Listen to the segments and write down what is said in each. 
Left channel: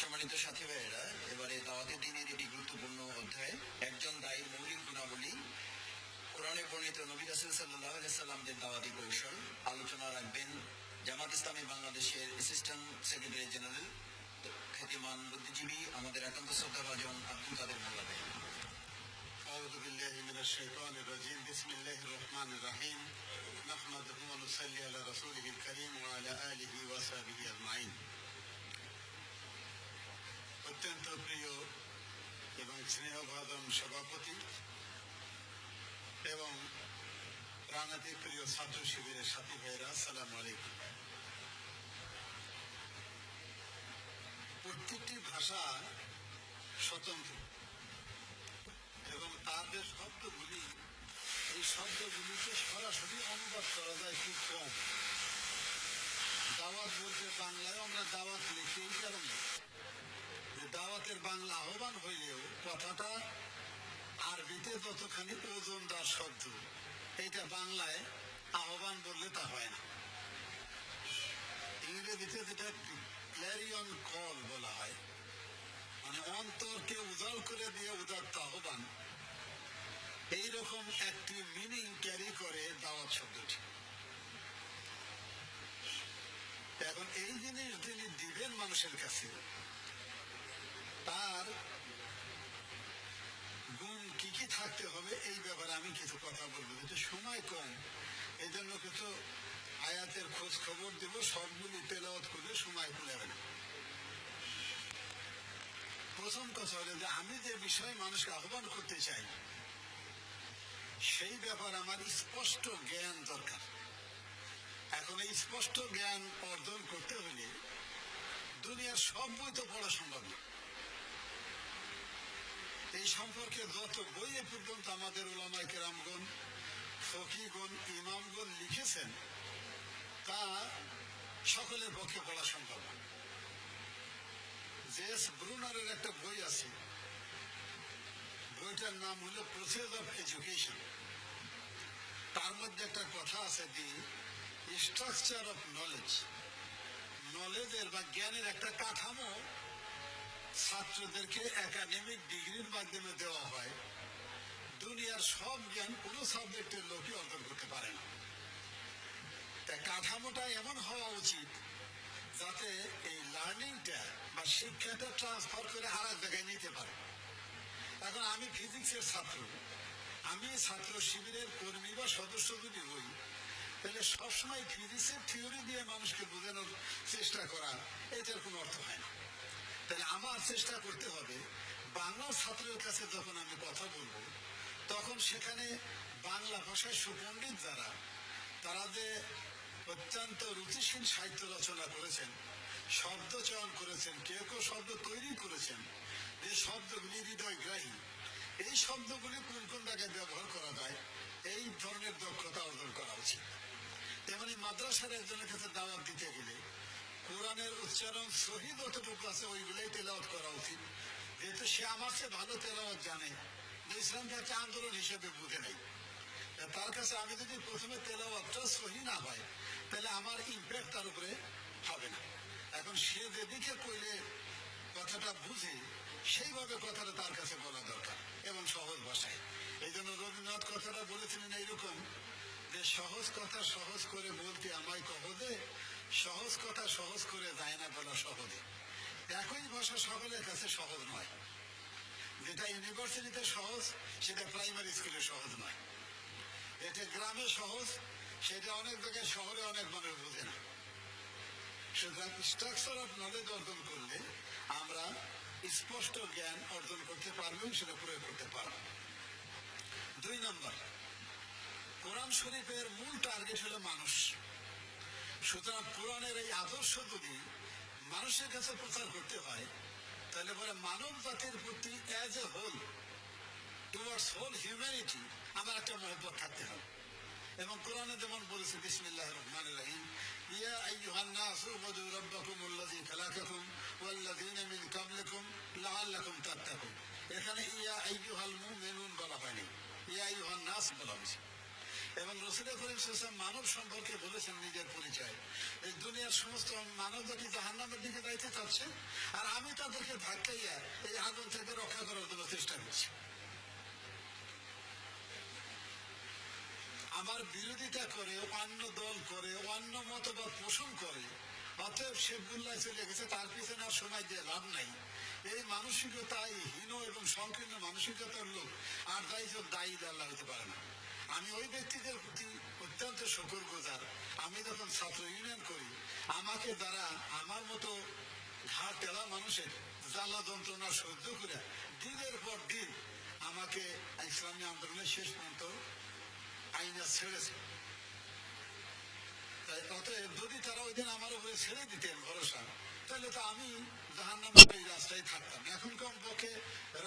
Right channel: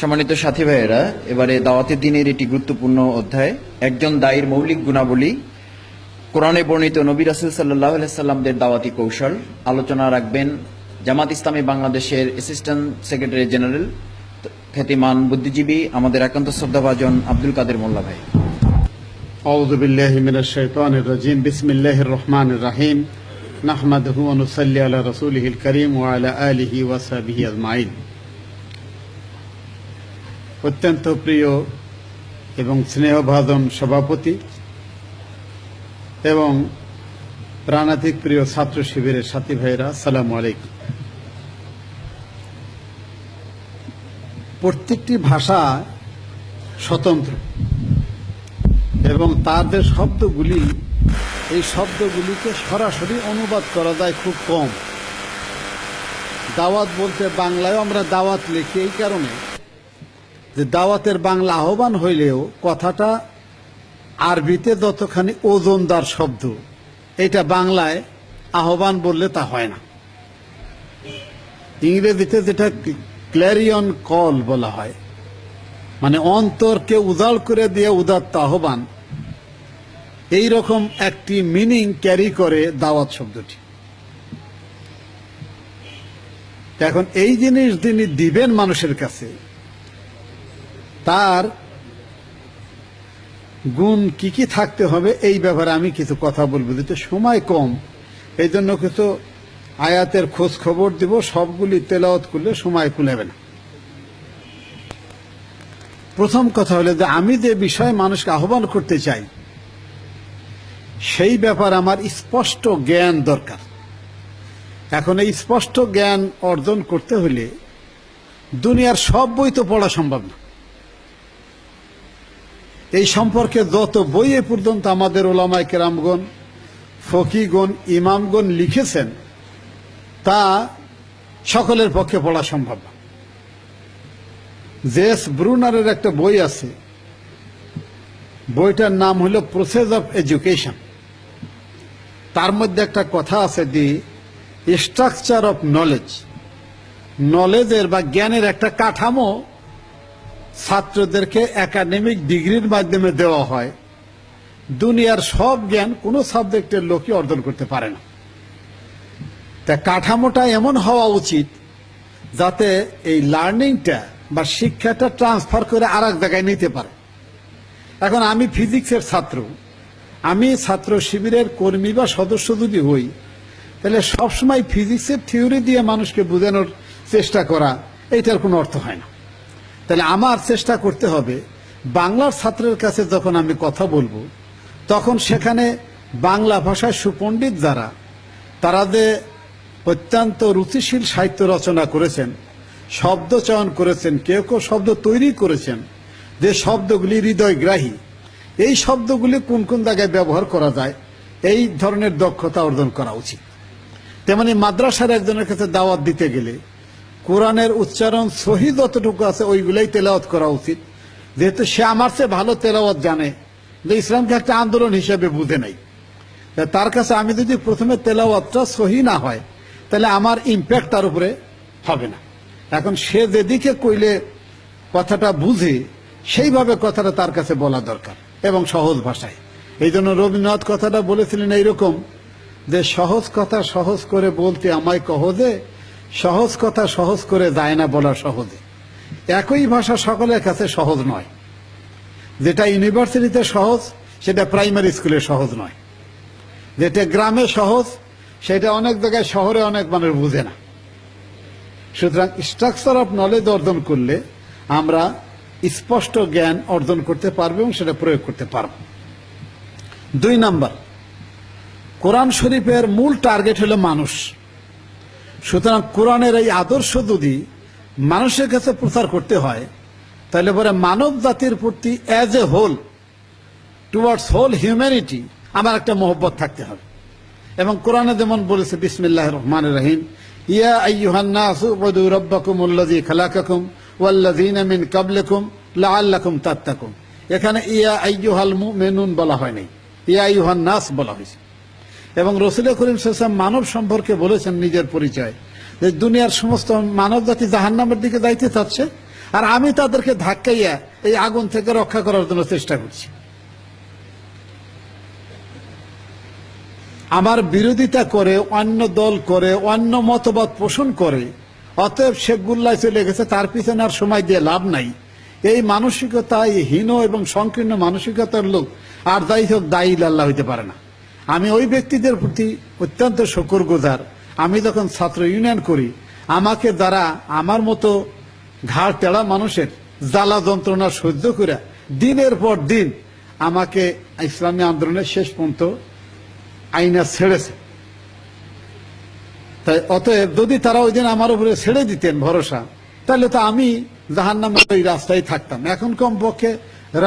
সম্মানিত সাথী ভাইয়েরা এবারে দাওয়াতের দিনের এটি গুরুত্বপূর্ণ অধ্যায় একজন দায়ীর মৌলিক গুণাবলী কোরআনে বর্ণিত নবী রাসুল সাল্লাহ সাল্লামদের দাওয়াতি কৌশল আলোচনা রাখবেন জামাত ইসলামী বাংলাদেশের অ্যাসিস্ট্যান্ট সেক্রেটারি জেনারেল খ্যাতিমান বুদ্ধিজীবী আমাদের একান্ত শ্রদ্ধাভাজন আব্দুল কাদের মোল্লা ভাই أعوذ بالله من الشيطان الرجيم بسم الله الرحمن الرحيم نحمده ونصلي على رسوله الكريم وعلى آله وصحبه أجمعين অত্যন্ত প্রিয় এবং স্নেহভাজন সভাপতি এবং প্রাণাধিক প্রিয় ছাত্র শিবিরের সাথী ভাইরা সালাম আলাইকুম। প্রত্যেকটি ভাষা স্বতন্ত্র এবং তাদের শব্দগুলি, এই শব্দগুলিকে সরাসরি অনুবাদ করা যায় খুব কম। দাওয়াত বলতে বাংলায় আমরা দাওয়াত লিখি এই কারণে। যে দাওয়াতের বাংলা আহ্বান হইলেও কথাটা আরবিতে যতখানি ওজনদার শব্দ, এটা বাংলায় আহ্বান বললে তা হয় না। ইংরেজিতে যেটা ক্ল্যারিয়ন কল বলা হয় মানে অন্তরকে উজাড় করে দিয়ে উদাত্ত আহ্বান, এই রকম একটি মিনিং ক্যারি করে দাওয়াত শব্দটি। এখন এই জিনিস যিনি দিবেন মানুষের কাছে তার গুণ কি কি থাকতে হবে, এই ব্যাপারে আমি কিছু কথা বলব। যেটা সময় কম। এই জন্য কিছু আয়াতের খোঁজ খবর দিব, সবগুলি তেলাওয়াত করলে সময় কুলাবে না। প্রথম কথা হলো যে আমি যে বিষয়ে মানুষকে আহ্বান করতে চাই, সেই ব্যাপার আমার স্পষ্ট জ্ঞান দরকার। এখন এই স্পষ্ট জ্ঞান অর্জন করতে হলে দুনিয়ার সব বই তো পড়া সম্ভব না। এই সম্পর্কে যত বই এ পর্যন্ত আমাদের ওলামাই কেরামগণ, ফকিগণ, ইমামগণ লিখেছেন, তা সকলের পক্ষে পড়া সম্ভব না। জেস ব্রুনারের একটা বই আছে, বইটার নাম হলো প্রসেস অফ এডুকেশন তার মধ্যে একটা কথা আছে দি স্ট্রাকচার অফ নলেজ নলেজের বা জ্ঞানের একটা কাঠামো ছাত্রদেরকে একাডেমিক ডিগ্রির মাধ্যমে দেওয়া হয়। দুনিয়ার সব জ্ঞান কোনো সাবজেক্টের লোকই অর্জন করতে পারে না। তা কাঠামোটা এমন হওয়া উচিত যাতে এই লার্নিংটা বা শিক্ষাটা ট্রান্সফার করে আর এক জায়গায় নিতে পারে। এখন আমি ফিজিক্সের ছাত্র। আমি ছাত্র শিবিরের কর্মী বা সদস্য যদি হই, তাহলে সবসময় ফিজিক্সের থিওরি দিয়ে মানুষকে বোঝানোর চেষ্টা করা, এইটার কোনো অর্থ হয় না। তাহলে আমার চেষ্টা করতে হবে, বাংলার ছাত্রের কাছে যখন আমি কথা বলব, তখন সেখানে বাংলা ভাষায় সুপণ্ডিত যারা, তারা যে অত্যন্ত রুচিশীল সাহিত্য রচনা করেছেন, শব্দ চয়ন করেছেন, কেউ কেউ শব্দ তৈরি করেছেন, যে শব্দগুলি হৃদয়গ্রাহী, এই শব্দগুলি কোন কোন জায়গায় ব্যবহার করা যায়, এই ধরনের দক্ষতা অর্জন করা উচিত। তেমনি মাদ্রাসার একজনের কাছে দাওয়াত দিতে গেলে কোরআনের উচ্চারণ সহি যতটুকু আছে, ওইগুলাই তেলাওয়াত করা উচিত। যেহেতু সে আমার চেয়ে ভালো তেলাওয়াত জানে, যে ইসলামকে একটা আন্দোলন হিসেবে বুঝে নেই। তার কাছে আমি যদি প্রথমে তেলাওয়াতটা সহি না হয়, তাহলে আমার ইম্প্যাক্ট তার উপরে হবে না। এখন সে যেদিকে কইলে কথাটা বুঝে, সেইভাবে কথাটা তার কাছে বলা দরকার এবং সহজ ভাষায়। এই জন্য রবীন্দ্রনাথ কথাটা বলেছিলেন এইরকম, যে সহজ কথা সহজ করে বলতে আমায় কহ যে সহজ কথা সহজ করে যায় না বলা সহজে। একই ভাষা সকলের কাছে সহজ নয়। যেটা ইউনিভার্সিটিতে সহজ, সেটা প্রাইমারি স্কুলে সহজ নয়। যেটা গ্রামে সহজ, সেটা অনেক জায়গায় শহরে অনেক মানুষ বুঝে না। সুতরাং স্ট্রাকচার অফ নলেজ অর্জন করলে আমরা স্পষ্ট জ্ঞান অর্জন করতে পারব এবং সেটা প্রয়োগ করতে পারব। দুই নাম্বার, কোরআন শরীফের মূল টার্গেট হলো মানুষ। সুতরাং কোরআনের এই আদর্শ যদি মানুষের কাছে প্রচার করতে হয়, তাহলে পরে মানব জাতির প্রতি as a whole towards whole humanity আমার একটা মহব্বত থাকতে হবে। এবং কোরআনে যেমন বলেছে বিসমিল্লাহ রহমান রহিম, ইয়া আইয়ুহান নাসু উবুদু রাব্বাকুম আল্লাযী খালাকাকুম ওয়াল্লাযীনা মিন ক্বাবলিকুম লাআল্লাকুম তাত্তাকুন এখানে ইয়া আইয়ুহাল মুমিনুন বলা হয়নি ইয়া আইয়ুহান নাস বলা হয়েছে। এবং রসুল করিম সাল্লাম মানব সম্পর্কে বলেছেন নিজের পরিচয়। যে দুনিয়ার সমস্ত মানব জাতি জাহান্নামের দিকে যাইতে চাচ্ছে, আর আমি তাদেরকে ধাক্কাইয়া এই আগুন থেকে রক্ষা করার জন্য চেষ্টা করছি। আমার বিরোধিতা করে, অন্য দল করে, অন্য মতবাদ পোষণ করে, অতএব শেখ গুল্লায় চলে গেছে, তার পিছনে আর সময় দিয়ে লাভ নাই। এই মানসিকতা এই হীন এবং সংকীর্ণ মানসিকতার লোক, আর যাই হোক দায়ী আল্লাহ হইতে পারে না। আমি ওই ব্যক্তিদের প্রতি অত্যন্ত শকর গুজার আমি যখন ছাত্র ইউনিয়ন করি, আমাকে দ্বারা আমার মতো ঘাড় তেড়া মানুষের জ্বালা যন্ত্রণা সহ্য করে দিনের পর দিন আমাকে ইসলামী আন্দোলনের শেষ পর্যন্ত আইনা ছেড়েছে। তাই অতএব যদি তারা ওই দিন আমার উপরে ছেড়ে দিতেন ভরসা, তাহলে তো আমি জাহান্নামের ওই রাস্তায় থাকতাম। এখন কমপক্ষে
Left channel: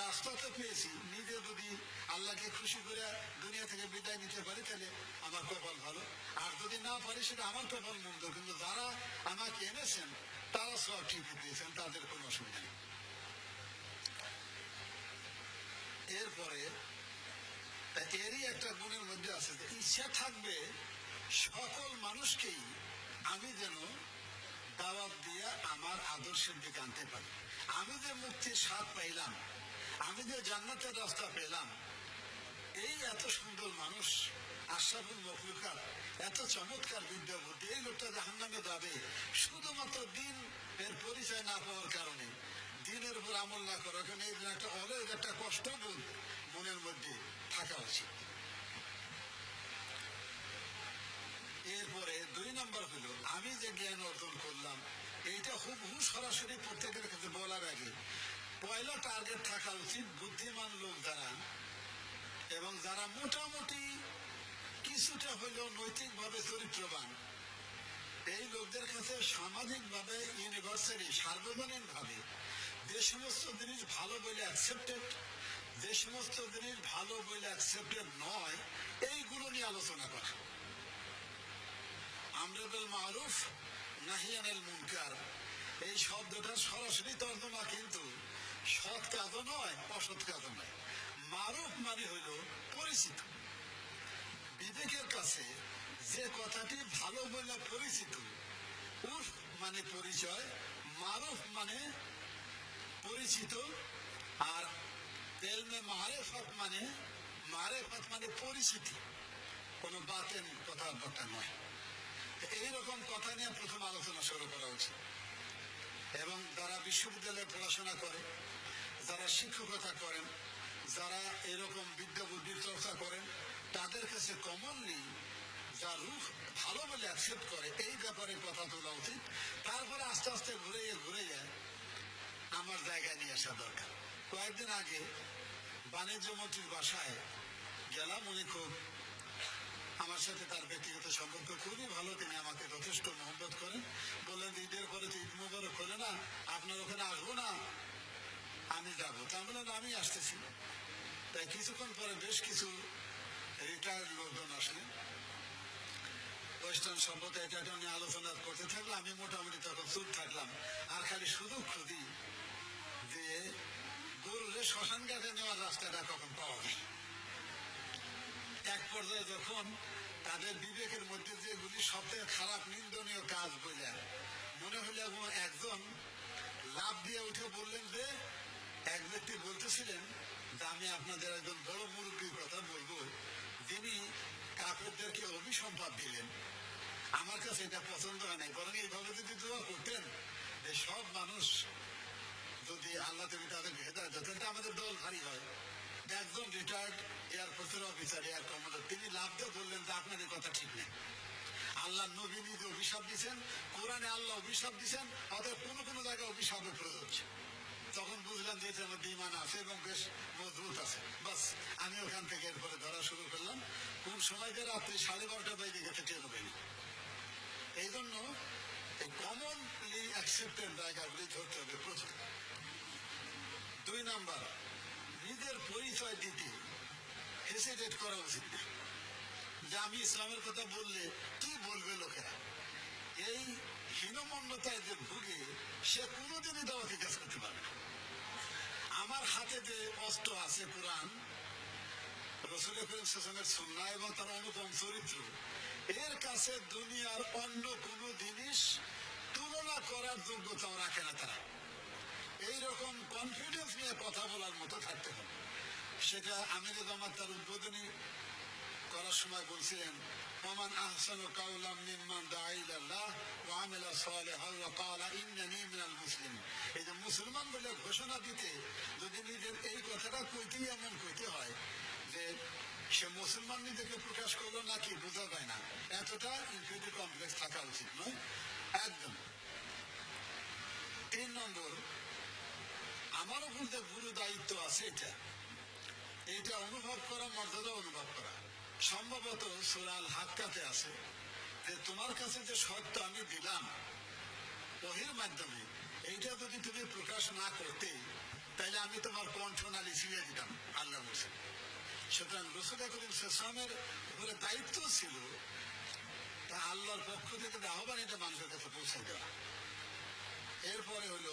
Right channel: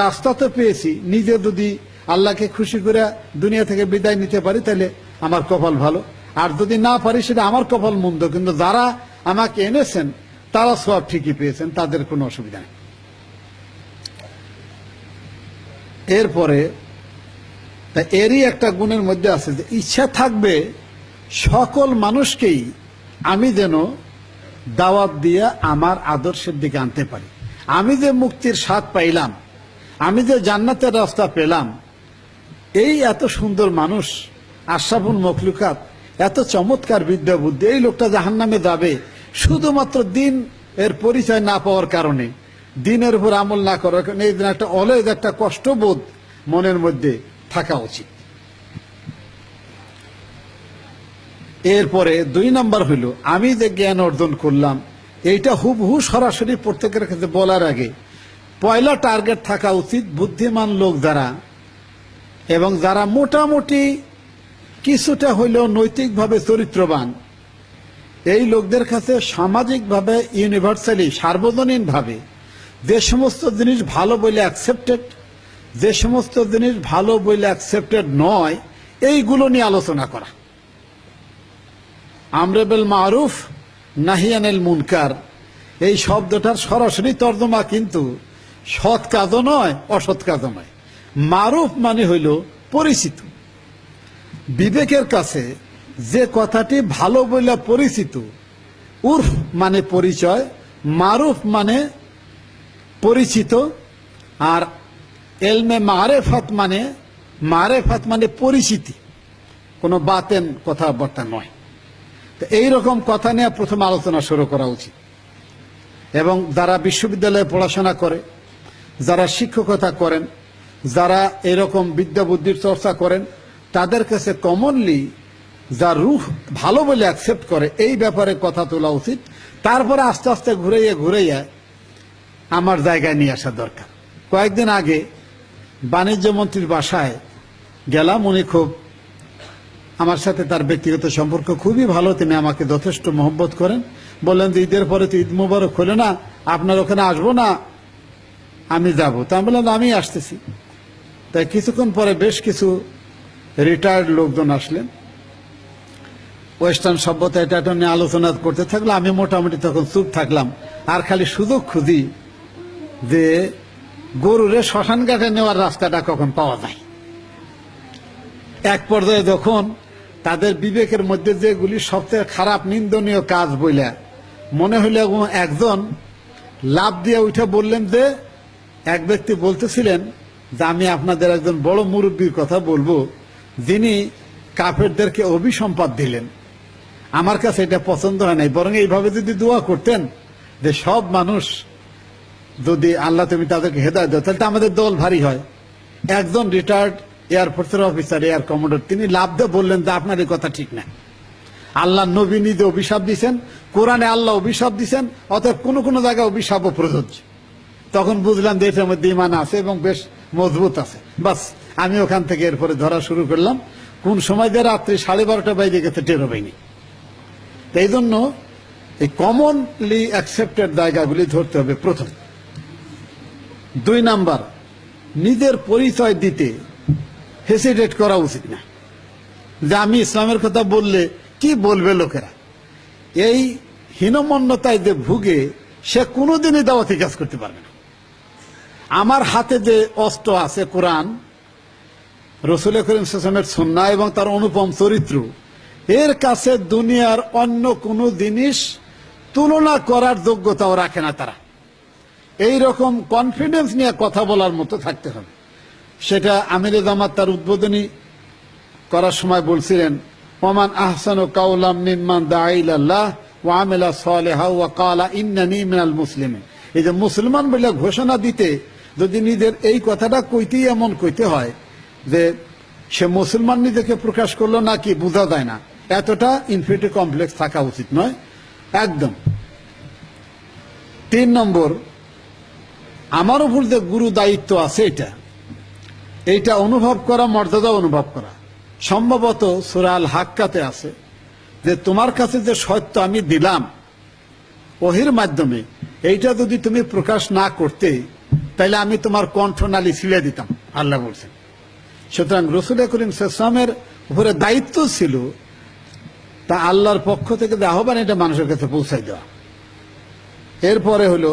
রাস্তা তো পেয়েছি, নিজে যদি আল্লাহকে খুশি করে দুনিয়া থেকে বিদায় নিতে পারি, তাহলে আমার কপাল ভালো। আর যদি না পারি, সেটা আমার কপাল মন্দ, কিন্তু যারা আমাকে এনেছেন, তারা সব ঠিকই পেয়েছেন, তাদের কোনো অসুবিধা নেই। এরপরে, তা এরই একটা গুণের মধ্যে আছে যে, ইচ্ছা থাকবে সকল মানুষকেই আমি যেন দাওয়াত দিয়ে আমার আদর্শের দিকে আনতে পারি। আমি যে মুক্তির স্বাদ পাইলাম, আমি যে জান্নাতের রাস্তা পেলাম এই এত সুন্দর মানুষ, আশরাফুল মখলুকাত, এত চমৎকার বিদ্যা বুদ্ধি, এই লোকটা জাহান নামে যাবে শুধুমাত্র দিন এর পরিচয় না পাওয়ার কারণে। দিনের উপর আমল না করার কারণে এই দিন একটা অলয়েজ একটা কষ্টবোধ মনের মধ্যে থাকা উচিত। এরপরে দুই নাম্বার হইল আমি যে জ্ঞান অর্জন করলাম, এইটা হুবহু সরাসরি প্রত্যেকের কাছে বলার আগে, পয়লা টার্গেট থাকা উচিত বুদ্ধিমান লোক যারা এবং যারা মোটামুটি কিছুটা হইলেও নৈতিকভাবে চরিত্রবান, এই লোকদের কাছে সামাজিকভাবে ইউনিভার্সালি সার্বজনীনভাবে যে সমস্ত জিনিস ভালো বলে অ্যাকসেপ্টেড যে সমস্ত জিনিস ভালো বলে অ্যাকসেপ্টেড নয়, এইগুলো নিয়ে আলোচনা করা। আমরেবেল মারুফ, নাহিয়ানেল মুনকার, এই শব্দটার সরাসরি তর্জমা কিন্তু সৎ কাজও নয়, অসৎ কাজও নয়। মারুফ মানে হইল পরিচিত। বিবেকের কাছে যে কথাটি ভালো বলে পরিচিত, উর্ফ মানে পরিচয়, মারুফ মানে পরিচিত, আর এলমে মারেফাত মানে মারেফাত মানে পরিচিতি। কোনো বাতেন কথাবার্তা নয়। তো এইরকম কথা নিয়ে প্রথম আলোচনা শুরু করা উচিত। এবং যারা বিশ্ববিদ্যালয়ে পড়াশোনা করে, যারা শিক্ষকতা করেন যারা এরকম বিদ্যা বুদ্ধির চর্চা করেন, তাদের কাছে কমনলি যা রুহ ভালো বলে অ্যাকসেপ্ট করে, এই ব্যাপারে কথা তোলা উচিত। তারপরে আস্তে আস্তে ঘুরাইয়া ঘুরাইয়া আমার জায়গায় নিয়ে আসা দরকার। কয়েকদিন আগে বাণিজ্য মন্ত্রীর বাসায় গেলাম, উনি খুব আমার সাথে তার ব্যক্তিগত সম্পর্ক খুবই ভালো, তিনি আমাকে যথেষ্ট মহব্বত করেন। বললেন যে ঈদের পরে তো ঈদ মুবারক হলো না, আপনার ওখানে আসব না, আমি যাব। তা বললাম আমি আসতেছি। তাই কিছুক্ষণ পরে বেশ কিছু রিটায়ার্ড লোকজন আসলেন। ওয়েস্টার্ন সভ্যতা এটা এটা নিয়ে আলোচনা করতে থাকল আমি মোটামুটি তখন চুপ থাকলাম। আর খালি সুযোগ খুঁজি যে গরুরে শ্মশান ঘাটে নেওয়ার রাস্তাটা কখন পাওয়া যায়। এক পর্যায়ে যখন তাদের বিবেকের মধ্যে যেগুলি সবচেয়ে খারাপ নিন্দনীয় কাজ বইলে, মনে হইলে একজন লাভ দিয়ে উঠে বললেন যে, এক ব্যক্তি বলতেছিলেন যে আমি আপনাদের একজন বড় মুরব্বীর কথা বলব, যিনি কাফেরদেরকে অভিসম্পাদ দিলেন। আমার কাছে এটা পছন্দ হয় নাই। বরং এইভাবে যদি দোয়া করতেন যে সব মানুষ যদি আল্লাহ তুমি তাদেরকে হেদায় দাও, তাহলে তো আমাদের দল ভারী হয়। একজন রিটায়ার্ড এয়ারফোর্সের অফিসার এয়ার কমান্ডার তিনি লাভ দিয়ে বললেন যে আপনার এই কথা ঠিক না। আল্লাহ নবী নিজে অভিশাপ দিছেন কোরআনে আল্লাহ অভিশাপ দিছেন অতএব কোনো কোনো জায়গায় অভিশাপও প্রযোজ্য। তখন বুঝলাম যে এটার মধ্যে ইমান আছে এবং বেশ মজবুত আছে। বাস, আমি ওখান থেকে এরপরে ধরা শুরু করলাম। কোন সময় যে রাত্রি সাড়ে বারোটা বাইরে গেছে টেরো পাইনি। এই জন্য এই কমনলি অ্যাকসেপ্টেড জায়গাগুলি ধরতে হবে প্রথম। দুই নাম্বার, নিজের পরিচয় দিতে হেসিটেট করা উচিত না। যে আমি ইসলামের কথা বললে কি বলবে লোকেরা? এই হীনমন্যতায় যে ভুগে সে কোনোদিনই দাওয়াতি কাজ করতে পারবে না। আমার হাতে যে অস্ত্র আছে কোরআন, রসুল করিম সাল্লামের সন্না এবং তার অনুপম চরিত্র, এর কাছে দুনিয়ার অন্য কোনো জিনিস তুলনা করার যোগ্যতাও রাখে না তারা। এই রকম কনফিডেন্স নিয়ে কথা বলার মতো থাকতে হবে। সেটা আমির জামাত তার উদ্বোধনী করার সময় বলছিলেন, ওমান আহসান ও কাউলাম নিম্মান দাইল্লাহ ও আমেলা সালেহা ও কালা ইন্নানি মিনাল মুসলিম এই যে মুসলমান বলে ঘোষণা দিতে যদি নিজের এই কথাটা কইতেই এমন কইতে হয় যে সে মুসলমান নিজেকে প্রকাশ করল নাকি বোঝা যায় না। এতটা ইনফিনিটি কমপ্লেক্স থাকা উচিত নয়। একদম। তিন নম্বর, আমার উপর যে গুরু দায়িত্ব আছে এটা, এইটা অনুভব করা, মর্যাদা অনুভব করা। সম্ভবত সুরাল হাক্কাতে আছে যে তোমার কাছে যে সত্য আমি দিলাম, ওহির মাধ্যমে, এইটা যদি তুমি প্রকাশ না করতে তাহলে আমি তোমার কণ্ঠনালী ছিলে দিতাম, আল্লাহ বলছেন। সুতরাং রসুল করিম সামের উপরে দায়িত্ব ছিল, তা আল্লাহর পক্ষ থেকে আহ্বান, এটা মানুষের কাছে পৌঁছাই দেওয়া। এরপরে হলো,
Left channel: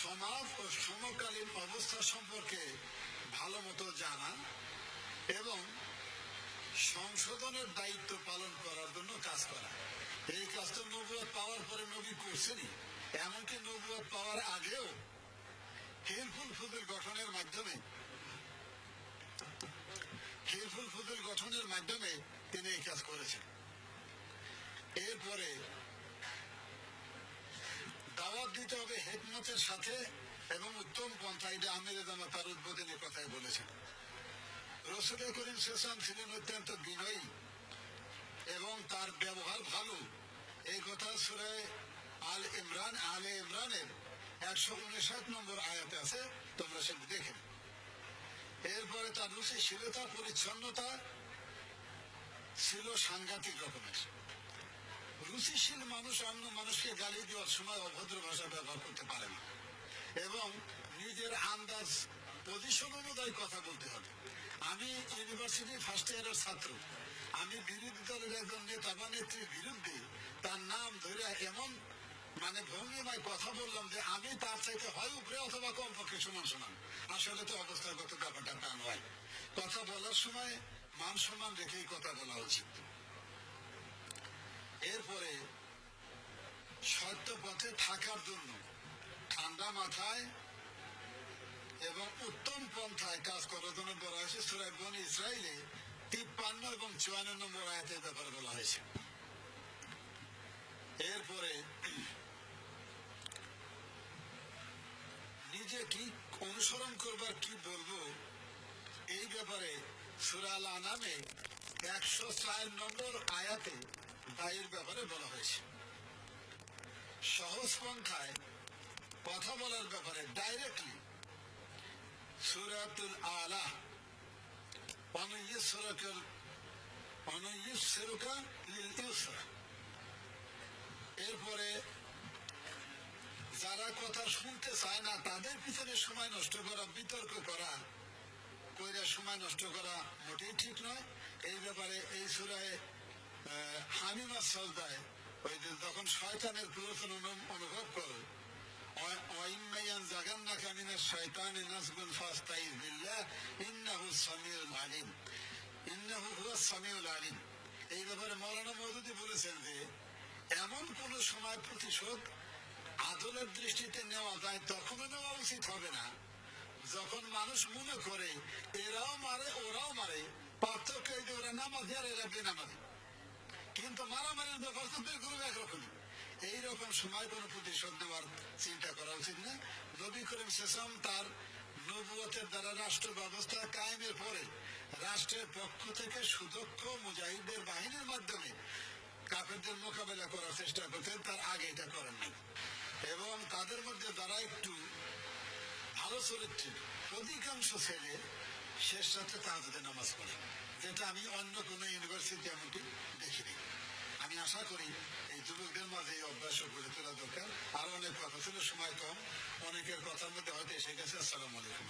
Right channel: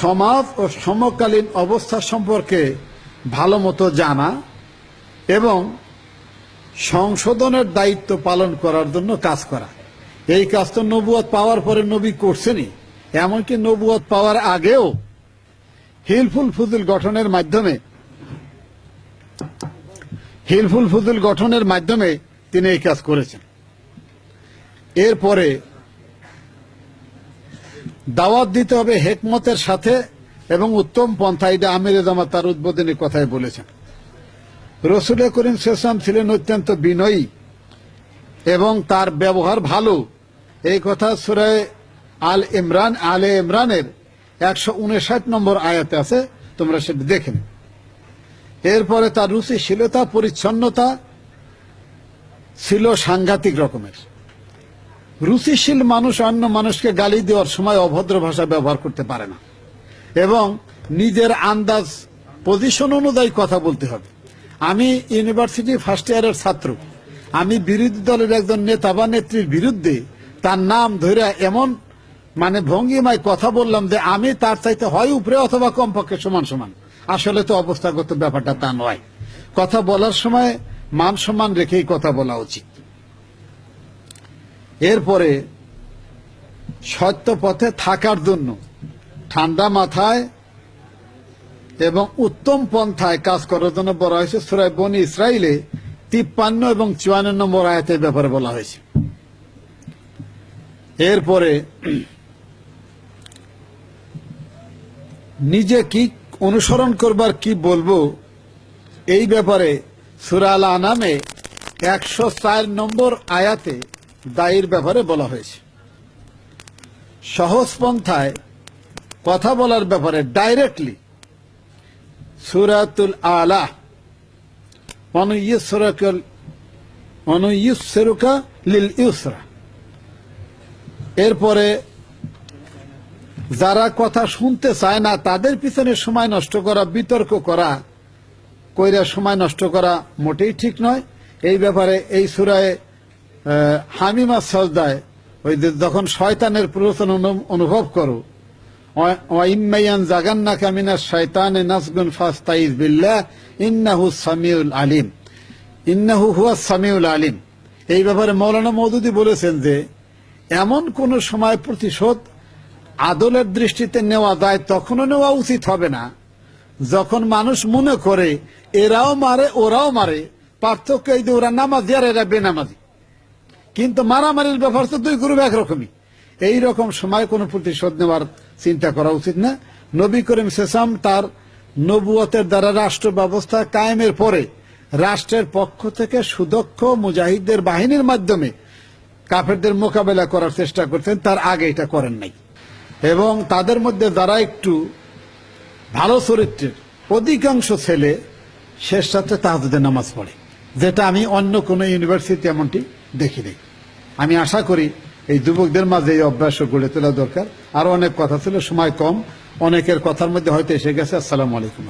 সমাজ ও সমকালীন অবস্থা সম্পর্কে ভালো মতো জানা এবং সংশোধনের দায়িত্ব পালন করার জন্য কাজ করা। এই কাজ তো নবুয়ত পাওয়ার পরে নবী করছেনই। এমনকি নবুয়ত পাওয়ার আগেও হিলফুল ফুজুল গঠনের মাধ্যমে, হিলফুল ফুজুল গঠনের মাধ্যমে তিনি এই কাজ করেছেন। এরপরে দাওয়াত দিতে হবে হেকমতের সাথে এবং উত্তম পন্থা, এটা আমির জামা তার উদ্বোধনী কথায় বলেছেন। রসুল করিম শেষাম ছিলেন অত্যন্ত বিনয়ী এবং তার ব্যবহার ভালো। এই কথা সুরায় আল ইমরান, আলে ইমরানের একশো উনষাট নম্বর আয়াতে আছে, তোমরা সেটা দেখেন এরপরে তার রুচিশীলতা, পরিচ্ছন্নতা ছিল সাংঘাতিক রকমের। রুচিশীল মানুষ অন্য মানুষকে গালি দেওয়ার সময় অভদ্র ভাষা ব্যবহার করতে পারে না। এবং নিজের আন্দাজ পজিশন অনুযায়ী কথা বলতে হবে। আমি ইউনিভার্সিটি ফার্স্ট ইয়ারের ছাত্র। আমি বিরোধী দলের একজন নেতা বা নেত্রীর বিরুদ্ধে তার নাম ধরে এমন মানে ভঙ্গিমায় কথা বললাম যে আমি তার চাইতে হয় উপরে অথবা কমপক্ষে সমান সমান। আসলে তো অবস্থাগত ব্যাপারটা তা নয়। কথা বলার সময় মান সম্মান রেখেই কথা বলা উচিত। এরপরে সত্য পথে থাকার জন্য ঠান্ডা মাথায় এবং উত্তম পন্থায় কাজ করার জন্য বলা হয়েছে, সুরায় বনি ইসরায়েলে তিপ্পান্ন এবং চুয়ান্ন নম্বর আয়াতের ব্যাপারে বলা হয়েছে। এরপরে নিজে কি অনুসরণ করবার কি বলব? এই ব্যাপারে সুরাল আনামে একশো চার নম্বর আয়াতে দায়ের ব্যাপারে বলা হয়েছে। সহজ পন্থায় কথা বলার ব্যাপারে ডাইরেক্টলি সুরাতুল আলা অনুইসরকাল অনুইসরুকা লিল ইউসরা। এরপরে যারা কথা শুনতে চায় না, তাদের পিছনে সময় নষ্ট করা, বিতর্ক করা, কইরা সময় নষ্ট করা মোটেই ঠিক নয়। এই ব্যাপারে এই সুরায় হামিমা সজদায় ওই যখন শয়তানের প্ররোচন অনু- অনুভব করো ওয়াইম্মাইয়ান জাগান্না কামিনা শয়তানে নাসগুন ফাস্তাইজ বিল্লাহ, ইন্নাহু সামিউল আলিম। ইন্নাহু হুয়া সামিউল আলিম। এই ব্যাপারে মৌলানা মৌদুদি বলেছেন যে, এমন কোন সময় প্রতিশোধ আদলের দৃষ্টিতে নেওয়া যায় তখনও নেওয়া উচিত হবে না। যখন মানুষ মনে করে, এরাও মারে, ওরাও মারে, পার্থক্য এই যে ওরা নামাজি আর এরা বেনামাজি। কিন্তু মারামারির ব্যাপার তো দুই গ্রুপ একরকমই। এই রকম সময় কোনো প্রতিশোধ নেওয়ার চিন্তা করা উচিত না। নবী করিম সেসাম তার নবুয়তের দ্বারা রাষ্ট্র ব্যবস্থা কায়েমের পরে রাষ্ট্রের পক্ষ থেকে সুদক্ষ মুজাহিদদের বাহিনীর মাধ্যমে কাফেরদের মোকাবেলা করার চেষ্টা করতেন। তার আগে এটা করেন নাই। এবং তাদের মধ্যে যারা একটু ভালো চরিত্রের অধিকাংশ ছেলে শেষ রাত্রে তাহাজুদের নামাজ পড়ে, যেটা আমি অন্য কোনো ইউনিভার্সিটি এমনটি দেখিনি। আমি আশা করি এই যুবকদের মাঝে এই অভ্যাস গড়ে তোলা দরকার। আরও অনেক কথা ছিল, সময় কম। অনেকের কথার মধ্যে হয়তো এসে গেছে। আসসালামু আলাইকুম।